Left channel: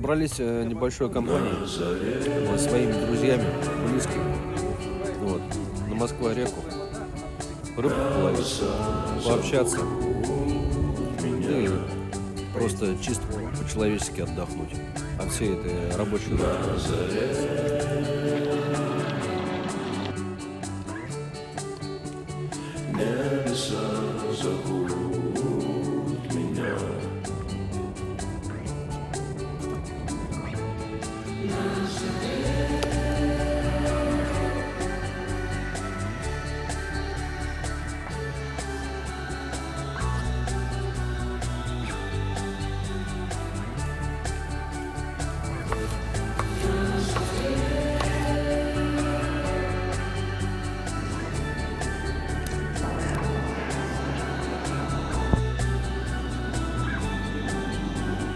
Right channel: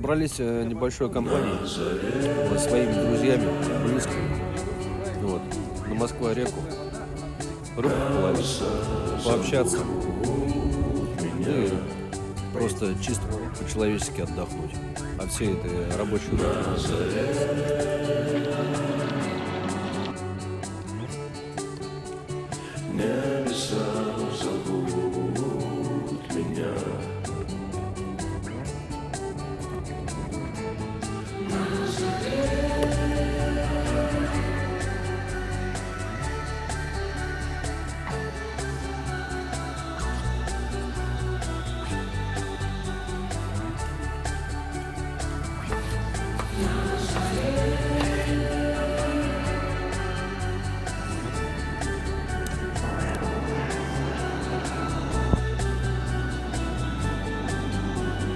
Собрались небольшой компанией, вот, своими друзьями, близкими, вот, на Москва-реку, рыбку половить, пообщаться и просто чисто по-человечески отдохнуть от всей этой рабочей рутины. Небеса зовут.